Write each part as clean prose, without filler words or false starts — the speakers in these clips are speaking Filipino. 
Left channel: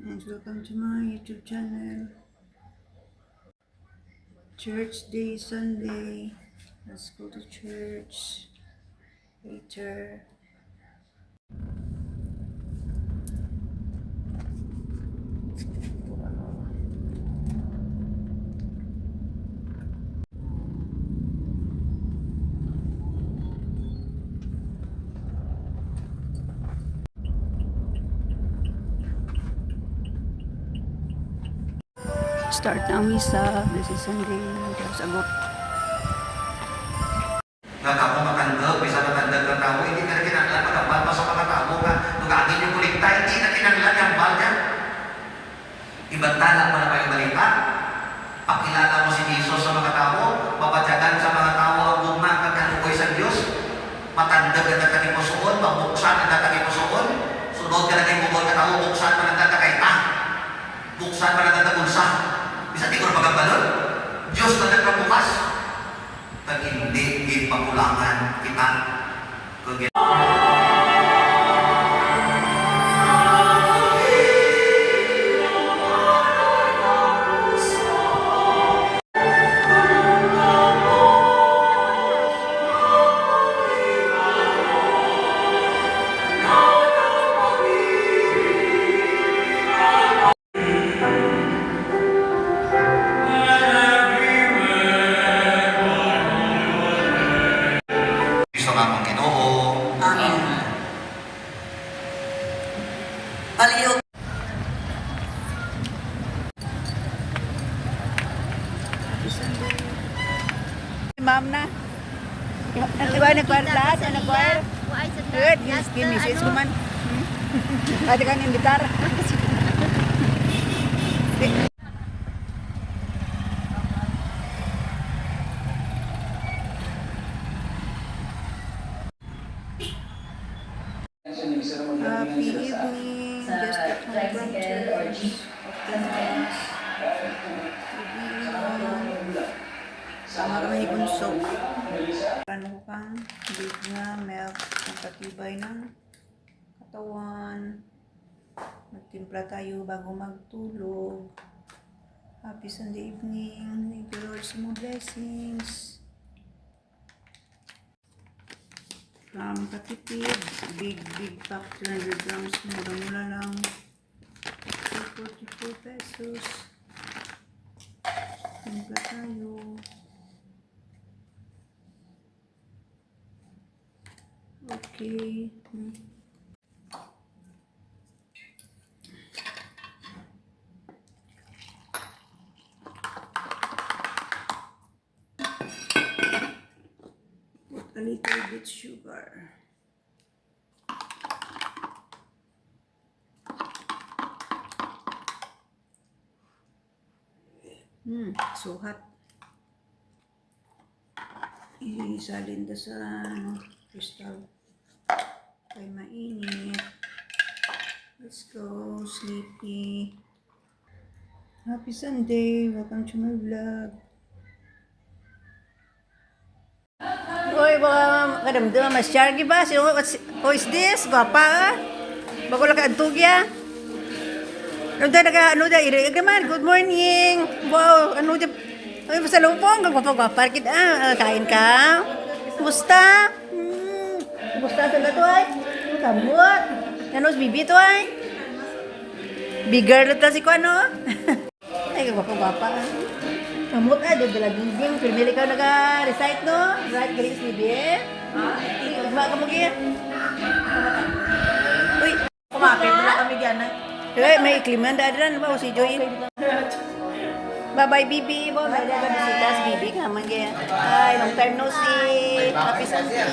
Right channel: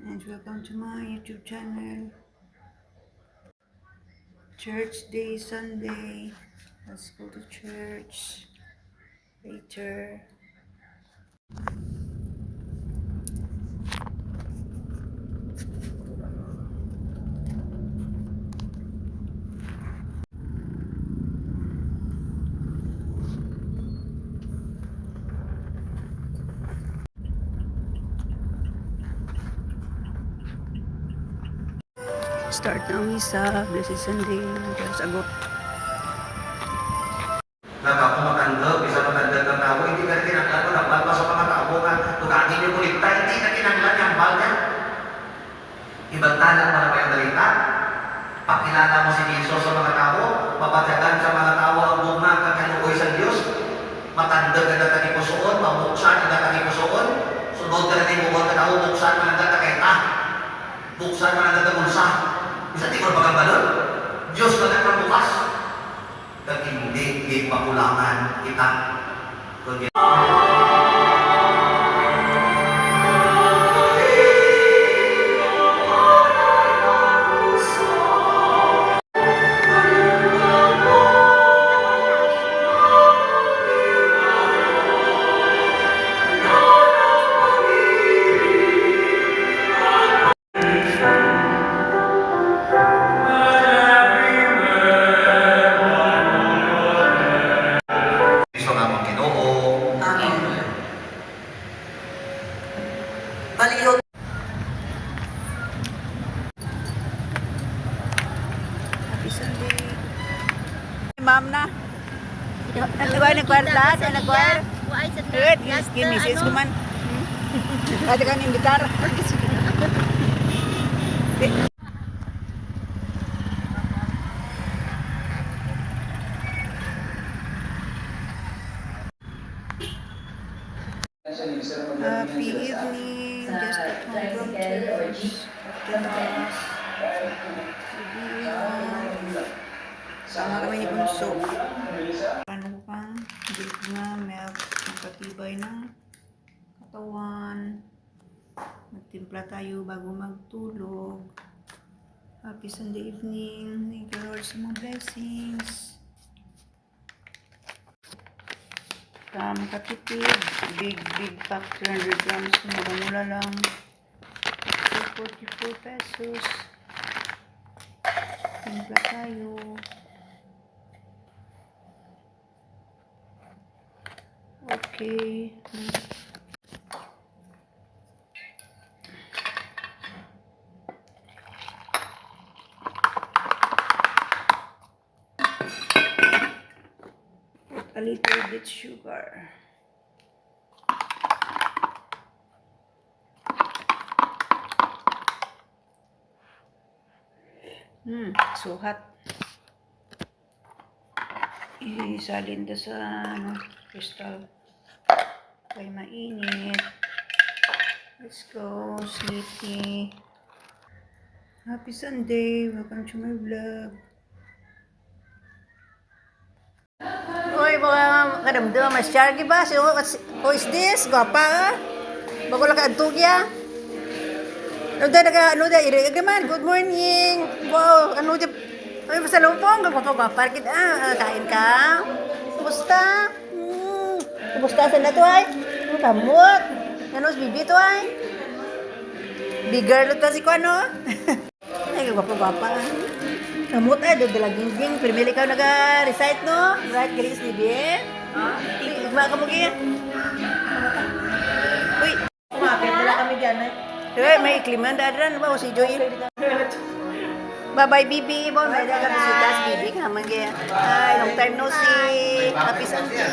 and welcome to my YouTube channel. Church day Sunday. Let's go to church later. Start na ang misa. Blessed Sunday. Diyos agot. Nakapo matanda, bisa matanda ng tao, hindi ka na kinanglan mo, nabal pa sa mga tao ka, tugagin yung kulikta, hindi na kinanglan yung bal niya. Ibantalan mo na ba yung dalita? Pakilala mo si Jesus sa mga tao, papatyagan sa mga tao ang bumang ang kaluoy sa Diyos, matanda ka na kanipusoon, mabuksan ang kanipusoon, sunod ka na kayo bukod ka tao, buksan mo na kakaita, buksan mo na bulsa. Bisa di ko na pagkabalo, Diyos ba nagkabukas? Kag hindi gipakulangan kita. Gusto nga mong Ginoo. Amen. Palihog. Happy Sunday. Ma'am na. Diba nag-choir lahat? Nag-choir? Good. Give me face ko man. Dati ka ng gitar. Happy evening. Just got home from church. After mass. Sama kami ni Bunso. Paano ko kang big na milk ang patibay ng katawan. Magtimpla tayo bago magtulog. Happy Sunday evening. Thank you Lord sa mga blessings. Katipid, big pack, 200 grams, mula lang, 44 pesos. Timpla tayo. Okay. A little bit sugar. So hot. Isalin to sa crystal. Kaya mainit. Let's go, sleepy. Happy Sunday. Welcome to my vlog. Oy, baka kadamdam mas chargi ba? Who is this? Gwapa. Bago lang kaantugya. Ano da, iriig naman. Good morning. Wow, ano da. Oy, pasalubong. Gwapa. Kain ka? Kumusta? Kumusta sa lato ay? Kamot. Ano, bibi to ay? Big girl ito si ko, ano? Ay, gwapa. Kamot ay, doon dala ginging. Primili ka nag-recite, no? Right, galing si Bibi. Tugma ka mo kaya. Uy. Kumakit nila kami dyan eh. May ikliman dadran ba? O si Joy. Bye-bye, Bibi. Bon, may daga bisitas, Bibi. Kaman kaya. Ay, long time no see. Happy Sunday.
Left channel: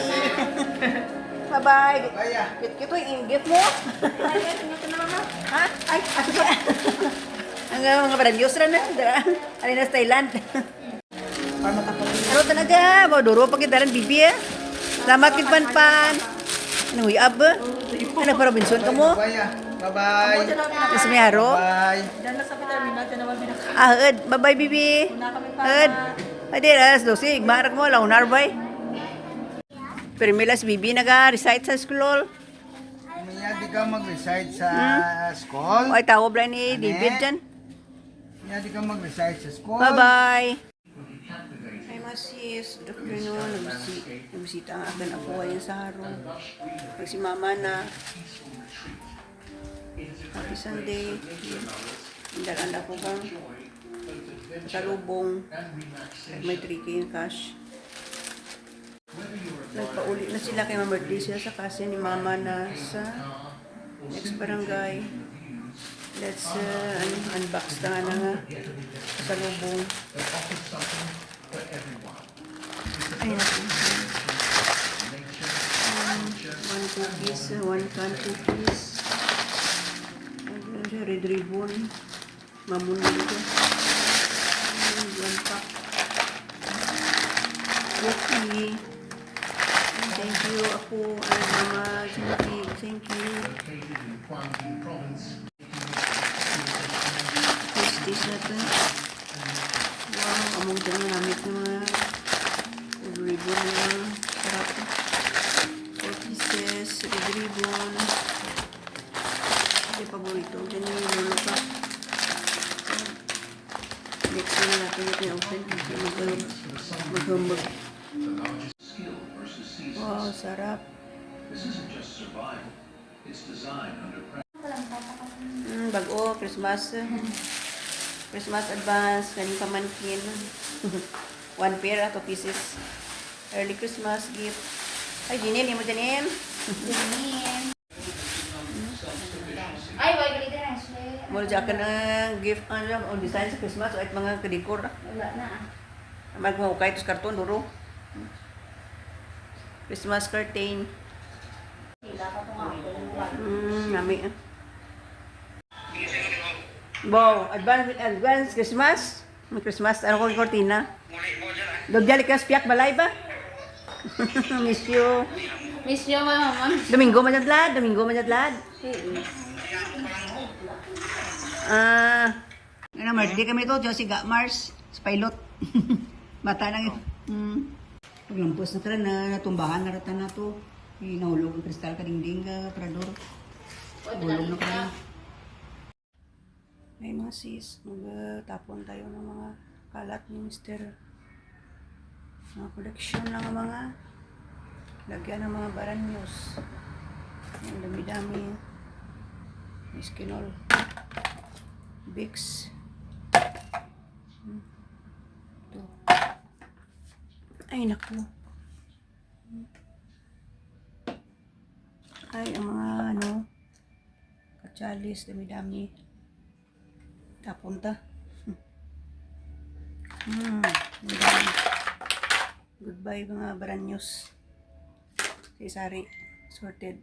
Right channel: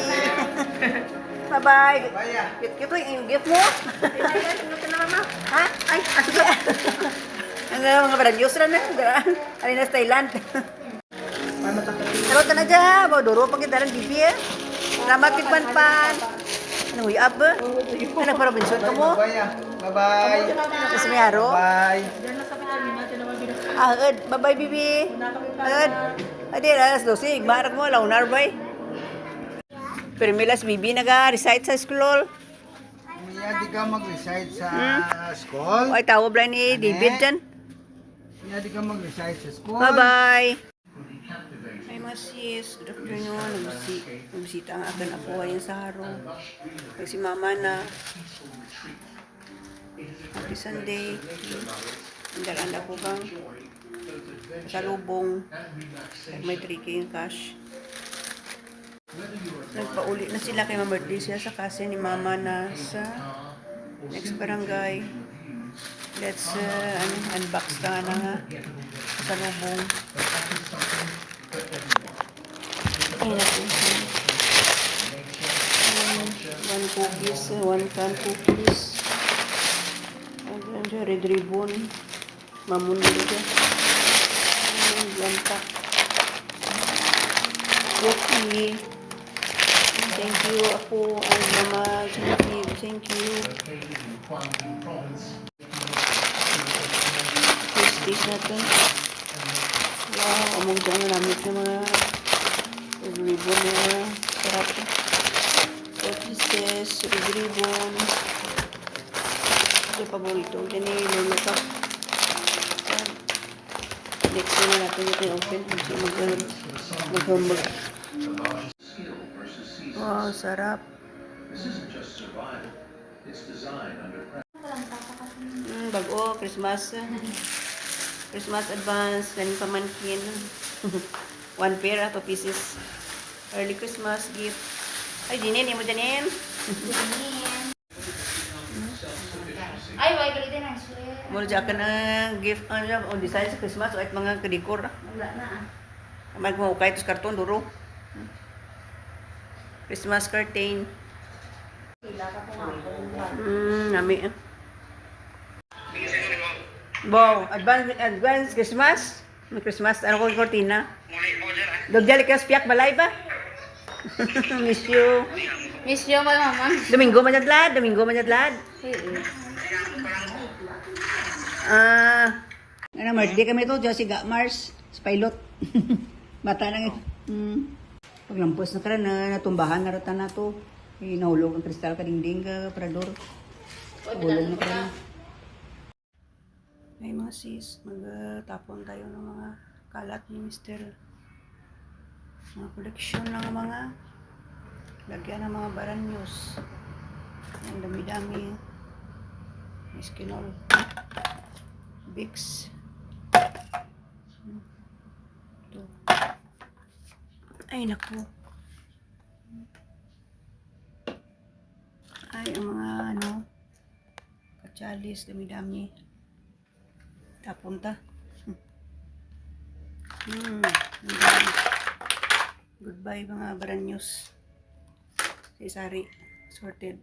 Bye-bye. Cute yung gift mo. Ha? Ay, asuka. Ang mga baragyos rin na. Alin na sa Thailand. Ano ka na dyan? Duro pa kita rin, Bibi eh. Salamat kit pan. Anong uyab ba? Ano pa Robinson ka mo? Bye-bye. Mas may aro? Bye. Bye-bye, Bibi. Adi, alas 12. Igmarak mo, launar ba? Pero may las Bibi nag-recite sa school. Mia, di ka mag-reside sa school? Ay, tawag lang ni Ane? David dyan. Mia, di ka mag-reside sa school? Bye-bye! Ay, mga sis. Good afternoon. Nagbisita ang akin ako ngayon sa haro. Pag si mama na. Happy Sunday. Hindaran ako bang sa lubong. May 3K yung cash. Nagpauli na sila kay birthday sila sa kasi ni mama na sa next barangay. Let's unbox ka na nga sa lubong. Ay, naku. One cookies, one can cookies. Ayan siya, red ribbon. Mamunin siya. Yan pa. Cookie. Thank you ako, ay mama. Thank you. Taste natin. Wow, among dyan yung namit yung mga ribbon na sarap. 4 pieces, ribbon. Ito yung paborito. Dyan yung lolo pa. Next na natin yung open. Mag-humble. Wow, sarap. Bago, Christmas. Christmas advance, galing pamankin. 1 pair, 2 pieces. Early Christmas gift. Ay, Janine, mo Janine. Ay, wag dito na siya. Mula dyan ka na gift, o design sa Christmas, o at mga kadikor. Wala na. Magmahukay, ito karton, duro. Christmas curtain. Nami. Wow, advance Christmas. May Christmas, ano ko yung kortina? Dogyali ka spiak balay ba? Miss you. Miss you, my mama. Domingo manadlad. Ano, birthday kami to, Josie Mars, pilot. Bata lang ito. Paglampos na karan, natumbahan na rata na to. Nahulog ang kristal kadingding ka, parador. Hulog na karan. Ay mga sis, magtapon tayo ng mga kalat ni Mr. Mga koleksyon ng mga lagyan ng mga baranyos. Ang dami-dami. Eskinol. Bix. Ito. Ay, naku. Ay, ang mga katsalis, dami-dami. Tapunta. Goodbye mga baranyos. Sari sorted.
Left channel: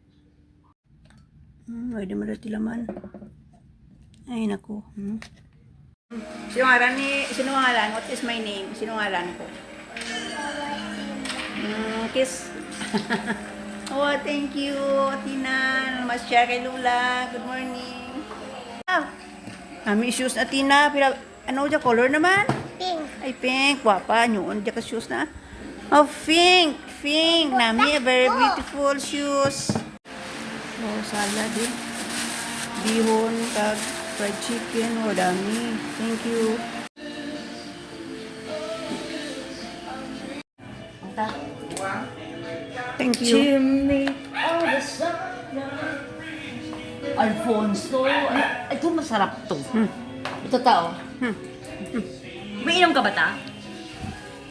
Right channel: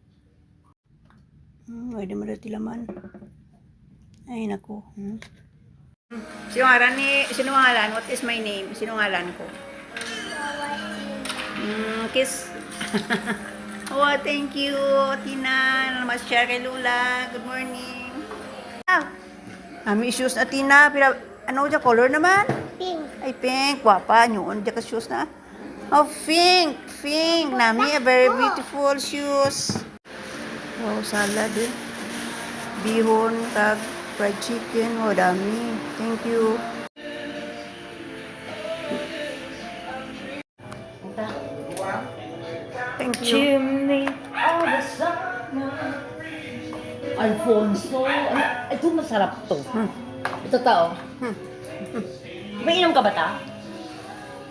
Pwede marati laman. Ay, naku. Sino ngalan? What is my name? Sino ngalan ko? Kiss. Oh, thank you, Tina. Mas-share kay Lula. Good morning. Nami shoes na Tina. Ano dyan? Color naman? Pink. Ay, pink. Wapa. Noon dyan ka shoes na. Oh, pink. Pink. Nami, very beautiful shoes. Wow, salad eh. Bihon, kag, fried chicken. Oh, dami. Thank you. Thank you. Chimney of the summer. Alfonso. Ay, ito masarap to. Ito tao. May inom ka ba ta?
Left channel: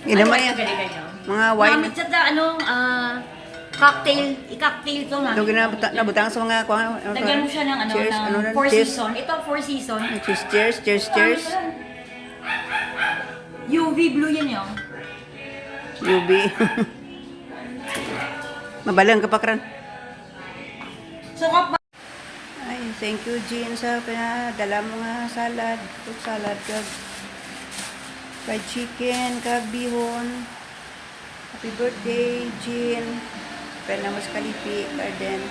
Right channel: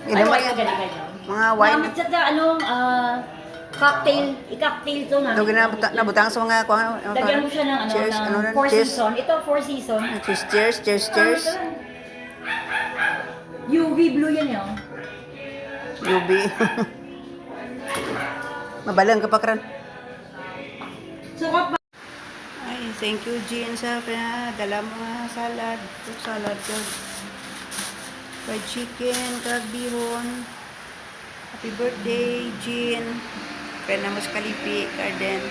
Ilan mo Ano, yan? ganyan. Mga wine. Cocktail. I-cocktail to na. Ito nabutang sa mga Lagyan mo siya ng cheers. ng four Cheers. season. Ito, four season. Cheers. UV blue yan yun. UB. Mabalang ka pa kran. Sarap ba? Ay, thank you, Jean, sa dala mga salad. Fruit salad, kag fried chicken, kag bihon. Happy birthday, Jean. Pena mas kalipi, garden.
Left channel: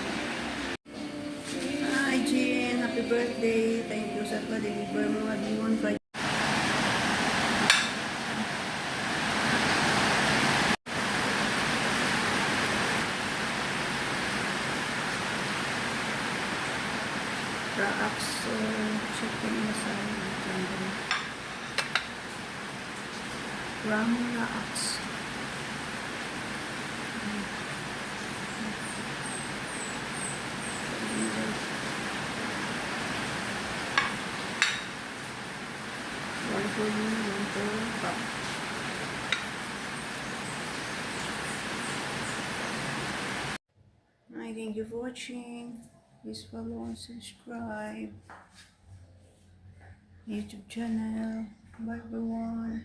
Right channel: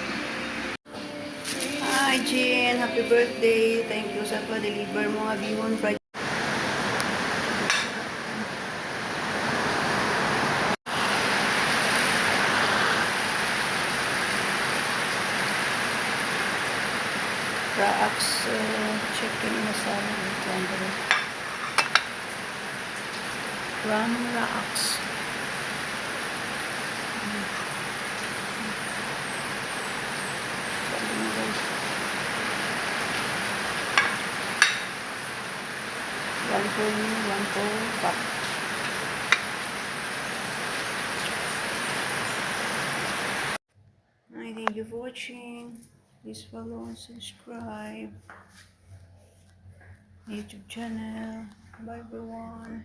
Hi, Jean. Happy birthday. Thank you sa pa-deliver mo nga bihon, fried chicken masala and cranberry. Ram rocks. One full cup. I thank you for watching. Please follow and subscribe. YouTube channel. Bye everyone.